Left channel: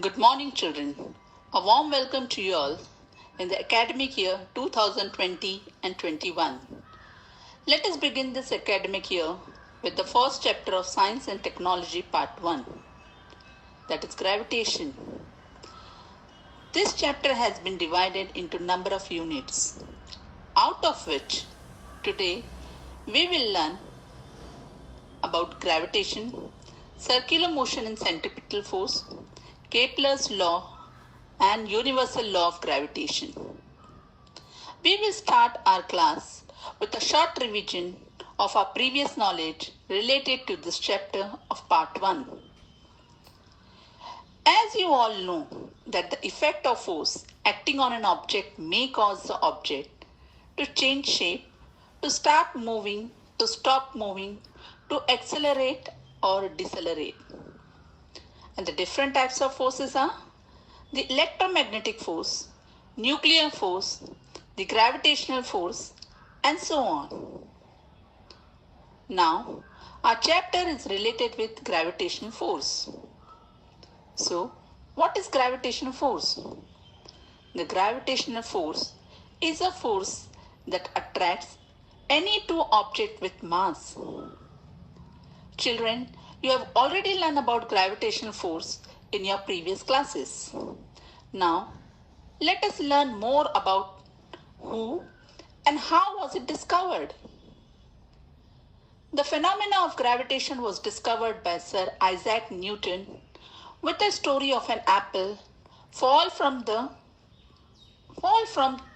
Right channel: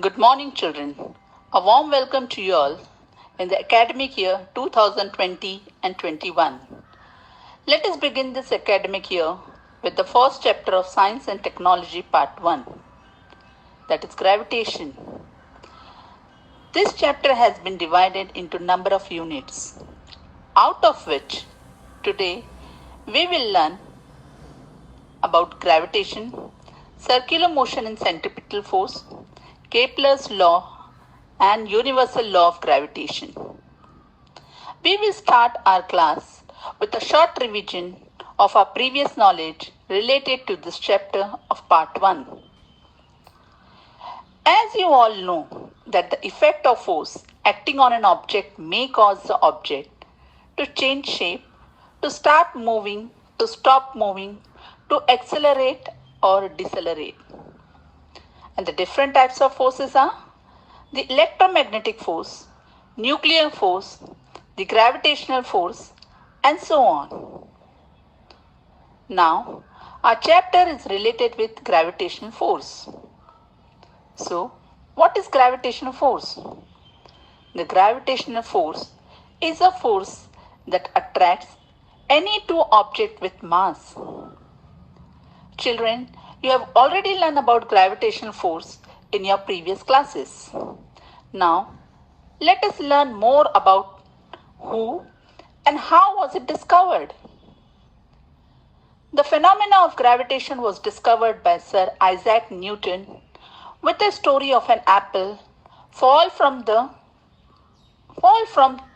Good morning, children. A warm welcome to you all in the academic year 2020 and 21. Let us begin this academic year with the first chapter of Science and Technology Part 1, that is Gravitation. This chapter has been divided into a number of units, out of which today we will learn about gravitation, circular motion and centripetal force, Kepler's law and universal law of gravitation. We will start our class with a short revision of our previous knowledge related to this chapter of part 1. As you all know that the effect of force acting on an object may cause the object to change shape, to start moving, to stop moving, to accelerate or decelerate. And the different types of forces are the electromagnetic force, nuclear force, the gravitational force, and so on. Now, our chapter is related with gravitational force. So, what is gravitational force? The gravitational force is a force that attracts any two objects with mass. Children, you have already learned about gravitational force in your previous classes. Now, let us learn more about who and how was it discovered. The phenomena of gravitation was discovered by Sir Isaac Newton with the story of an apple fall from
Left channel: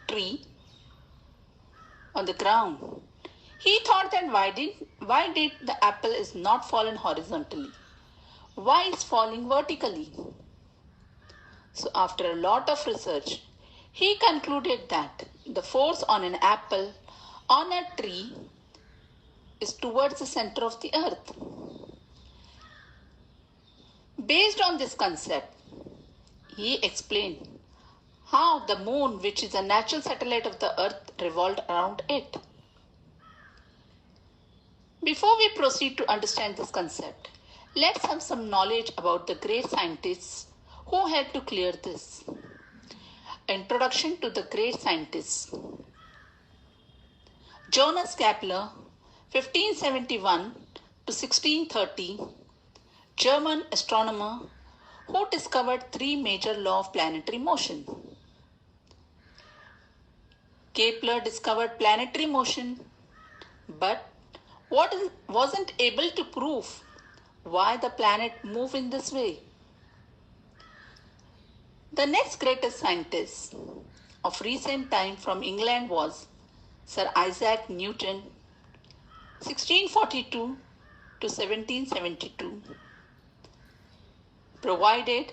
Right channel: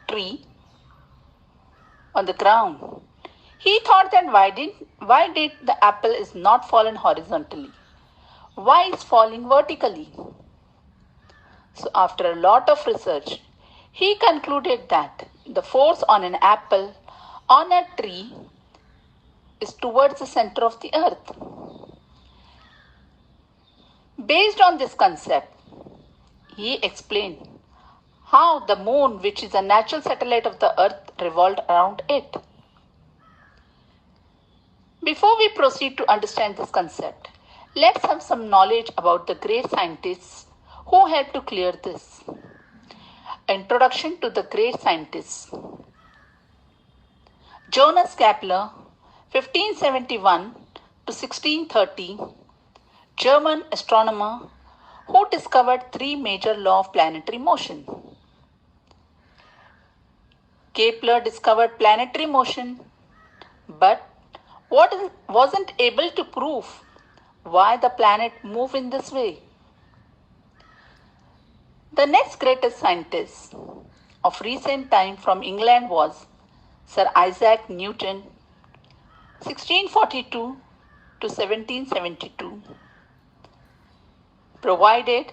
tree on the ground. He thought that why did the apple is not fallen horizontally? Why is falling vertically? So after a lot of research, he concluded that the force on an apple on a tree is towards the center of the earth. Based on this concept, he explained how the moon, which is a natural satellite of the earth, revolved around it. Before we proceed to understand this concept, let's have some knowledge about the great scientists who helped to clear this. Introduction to the great scientists. Johannes Kepler, 1571 to 1630, German astronomer who discovered three major laws of planetary motion. Kepler discovered planetary motion, but wasn't able to prove why the planet move in this way. The next greatest scientist of recent time from England was Sir Isaac Newton, 1642 to 1772, provided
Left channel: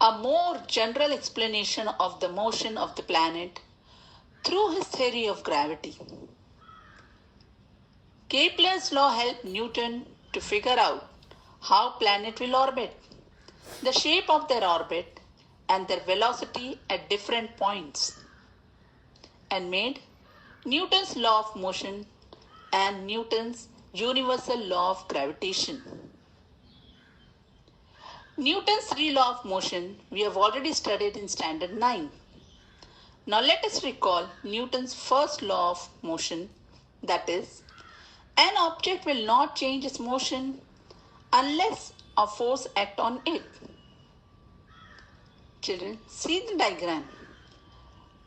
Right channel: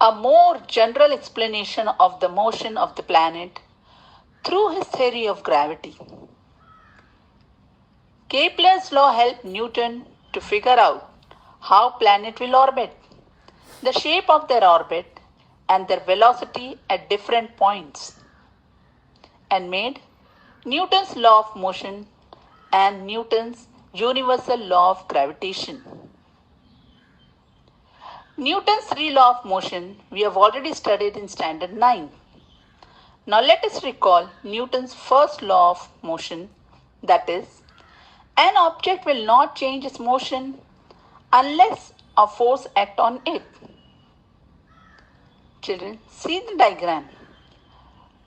a more general explanation of the motion of the planet through his theory of gravity. Kepler's law helped Newton to figure out how planets will orbit, the shape of their orbit, and their velocity at different points, and made Newton's law of motion and Newton's universal law of gravitation. Newton's three laws of motion we have already studied in Standard 9. Now let us recall Newton's first law of motion, that is, an object will not change its motion unless a force acts on it. Children, see the diagram.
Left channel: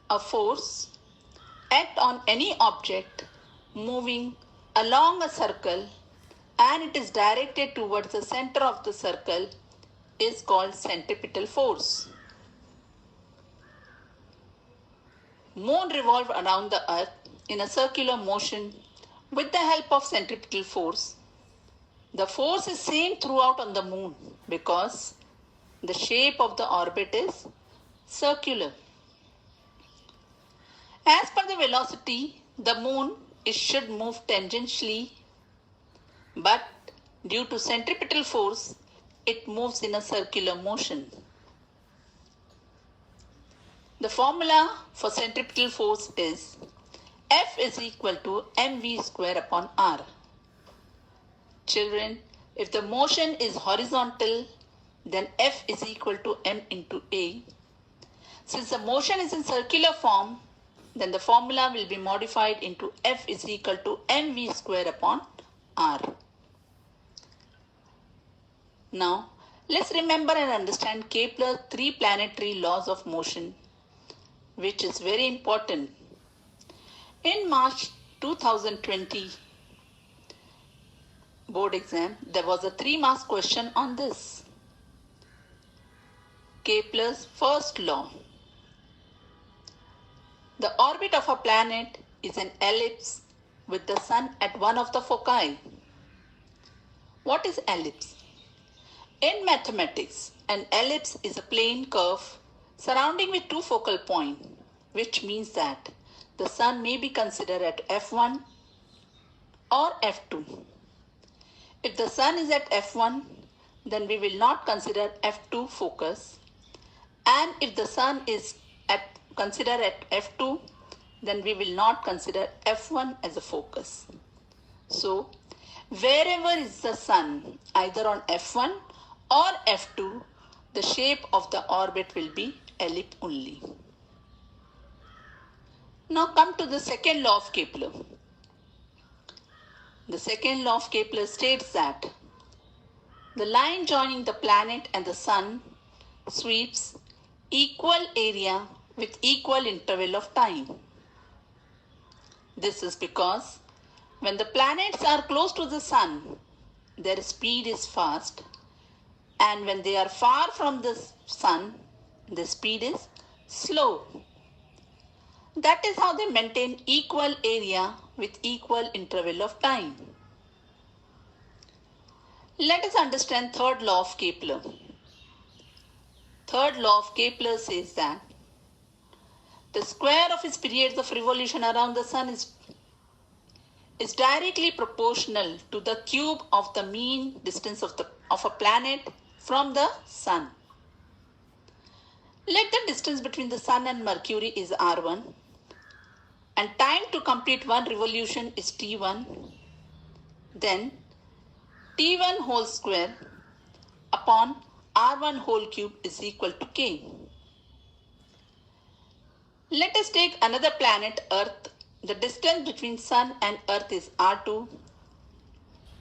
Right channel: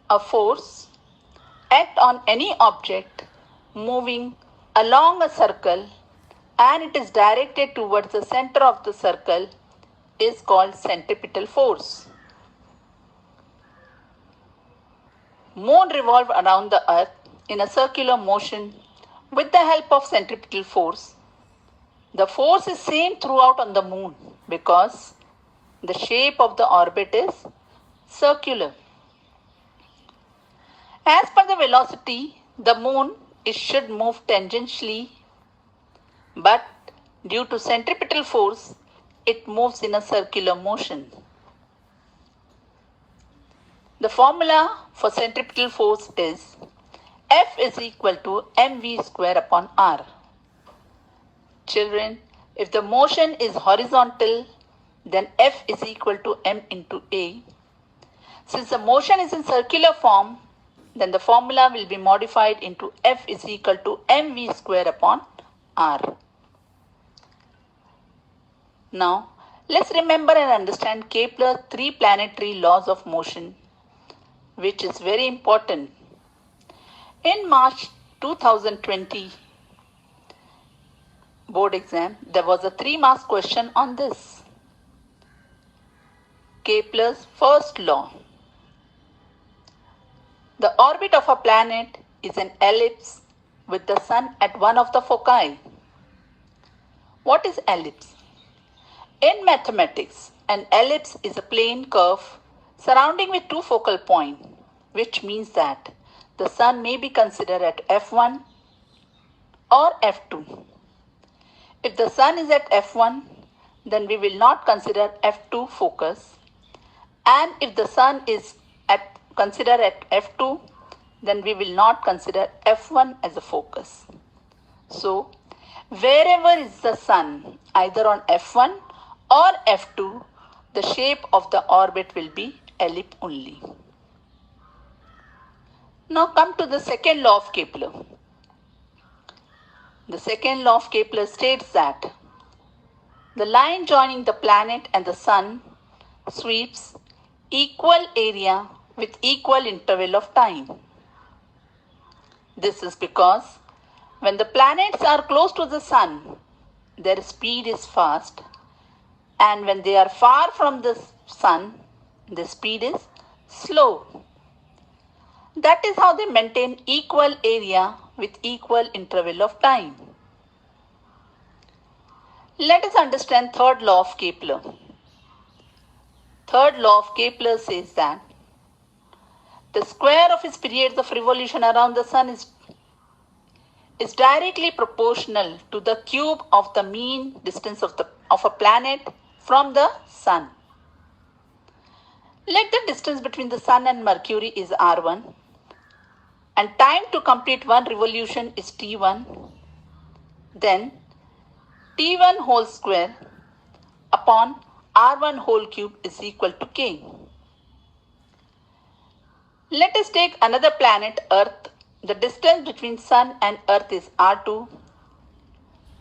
A force acts on any object moving along a circle and it is directed towards the center of the circle is called centripetal force. Moon revolves around the earth in a circular motion with the help of centripetal force. The force is same throughout on the moon because the shape of the orbit is circular. As per the velocity, the moon should move tangentially, but due to centripetal force, it moves in a circular motion. The formula for centripetal force is F is equal to mv square upon r. Children, if the motion is horizontal, then F is equal to m into A. Since the motion is in circular form, then the formula will be modified into F is equal to mv square upon r. Now, let's remember and understand Kepler's three planetary laws of motion, which is very important. In March 2020 board exam, there was a 3-mark question on this. Kepler's first law. The orbit of a planet is an ellipse with the sun at one of the foci. What is ellipse? In mathematics, an ellipse is a plane curve surrounding with two focal points, which means that the sun may be considered at F1 or F2. If the sun is at F1, then we will not consider F2 focus. And if the sun is considered at F2, then we will not consider F1 as a focus. So, wherever is the sun, either on F1 or F2, the shape of the orbit will be ellipse only. Now come to the second law of Kepler. The second law of Kepler states that the line joining the planet and the sun sweeps equal area with equal interval of time. This is because when the planets are close to the sun, their speed is fast, and when they are far from the sun, the speed is slow. That is how they maintain equal area with equal interval of time. Let us understand third law of Kepler. Third law of Kepler says that the square of its periods of revolution around the sun is directly proportional to the cube of the mean distance of a planet from the sun. Let the distance between the sun and Mercury is r1, and time to complete one revolution is t1. Then t1 whole square upon r1 whole cube is equal to k. Let us take another planet, Earth. The distance between sun and Earth is r2,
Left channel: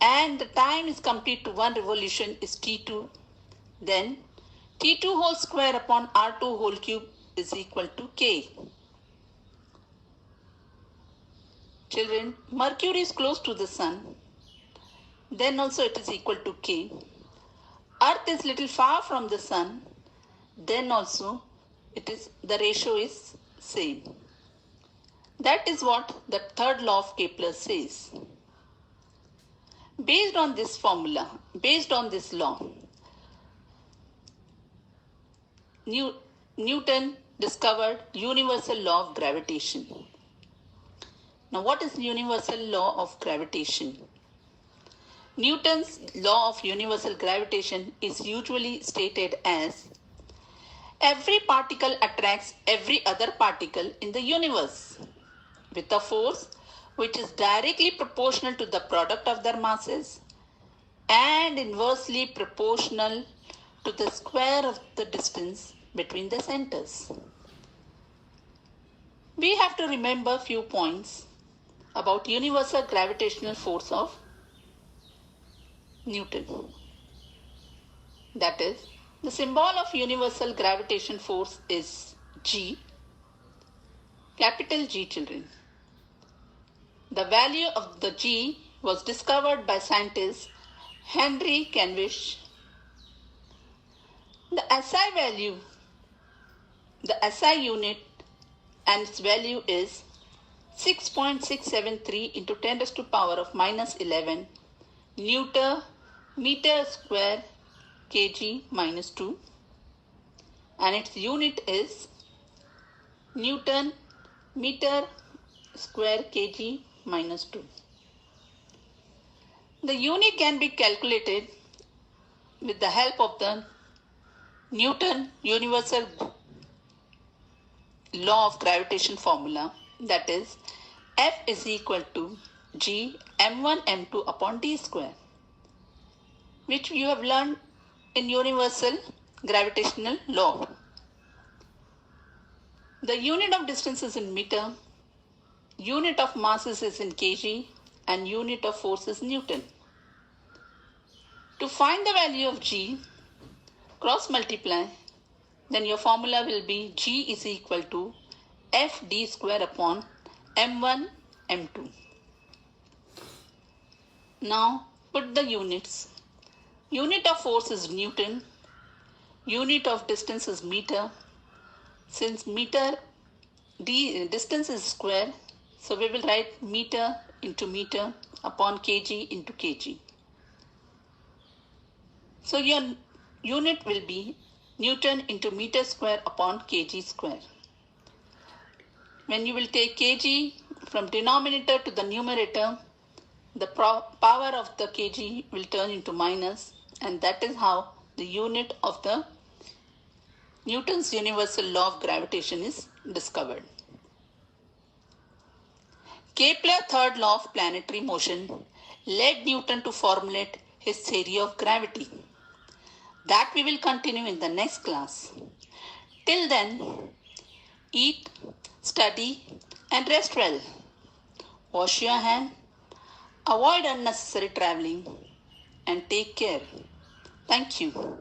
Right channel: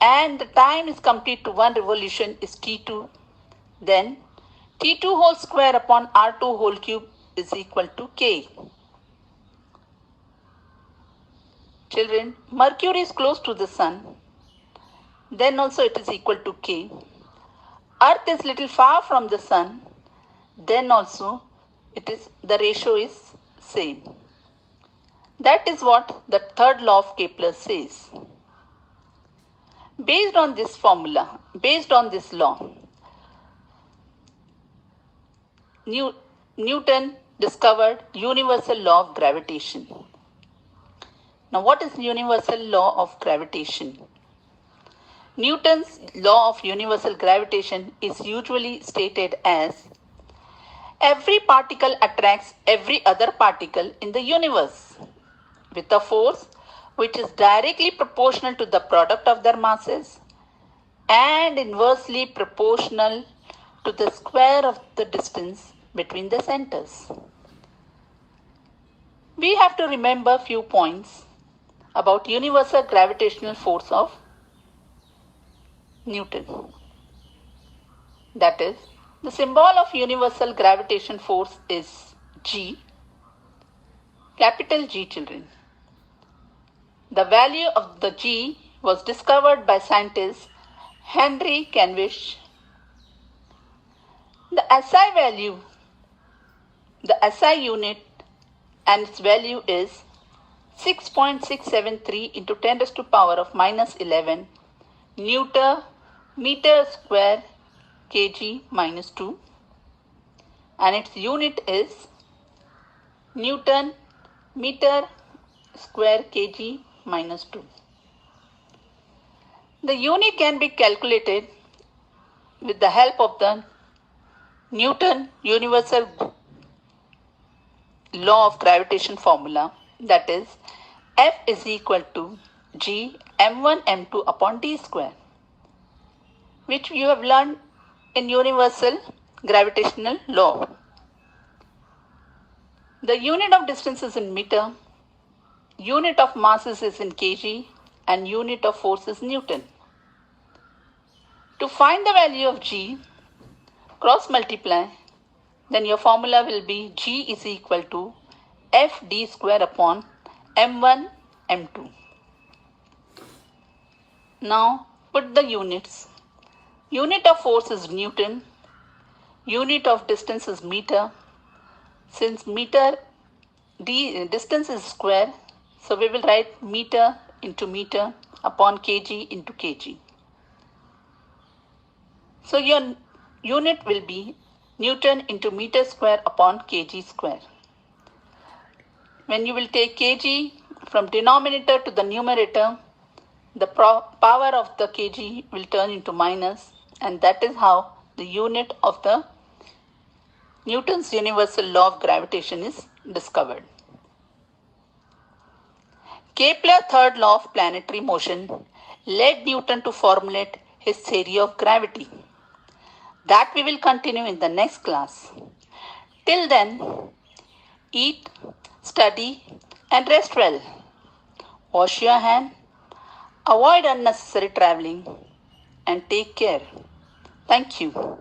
and the time is complete to one revolution is t2. Then t2 whole square upon r2 whole cube is equal to k. Children, Mercury is close to the sun, then also it is equal to k. Earth is little far from the sun, then also the ratio is same. That is what the third law of Kepler says. Based on this formula, based on this law, Newton discovered universal law of gravitation. Now, what is universal law of gravitation? Newton's law of universal gravitation is usually stated as every particle attracts every other particle in the universe with a force which is directly proportional to the product of their masses and inversely proportional to the square of the distance between the centers. We have to remember a few points about universal gravitational force of Newton. That is, the symbol of universal gravitation force is G, capital G, children. The value of the G was discovered by scientist Henry Cavendix. The SI value, the SI unit and its value is 6.673 into 10 raised to power of minus 11 Newton meter square kg minus 2, and its unit is Newton meter square kg minus 2. The unit can be calculated with the help of the Newton universal law of gravitation formula, that is F is equal to G m1 m2 upon d square, which you have learned in universal gravitational law. The unit of distance is in meter, unit of masses is in kg, and unit of force is Newton. To find the value of g, cross multiply, then your formula will be g is equal to fd square upon m1 m2. Now put the units. Unit of force is Newton, unit of distance is meter. Since distance is square, so we will write meter into meter upon kg into kg. So your unit will be Newton into meter square upon kg square. When you will take kg from denominator to the numerator, the power of the kg will turn into minus, and that is how the unit of the Newton's universal law of gravitation is discovered. Kepler's third law of planetary motion led Newton to formulate his theory of gravity. That we will continue in the next class. Till then, eat, study, and rest well. Wash your hand, avoid unnecessary traveling, and take care. Thank you.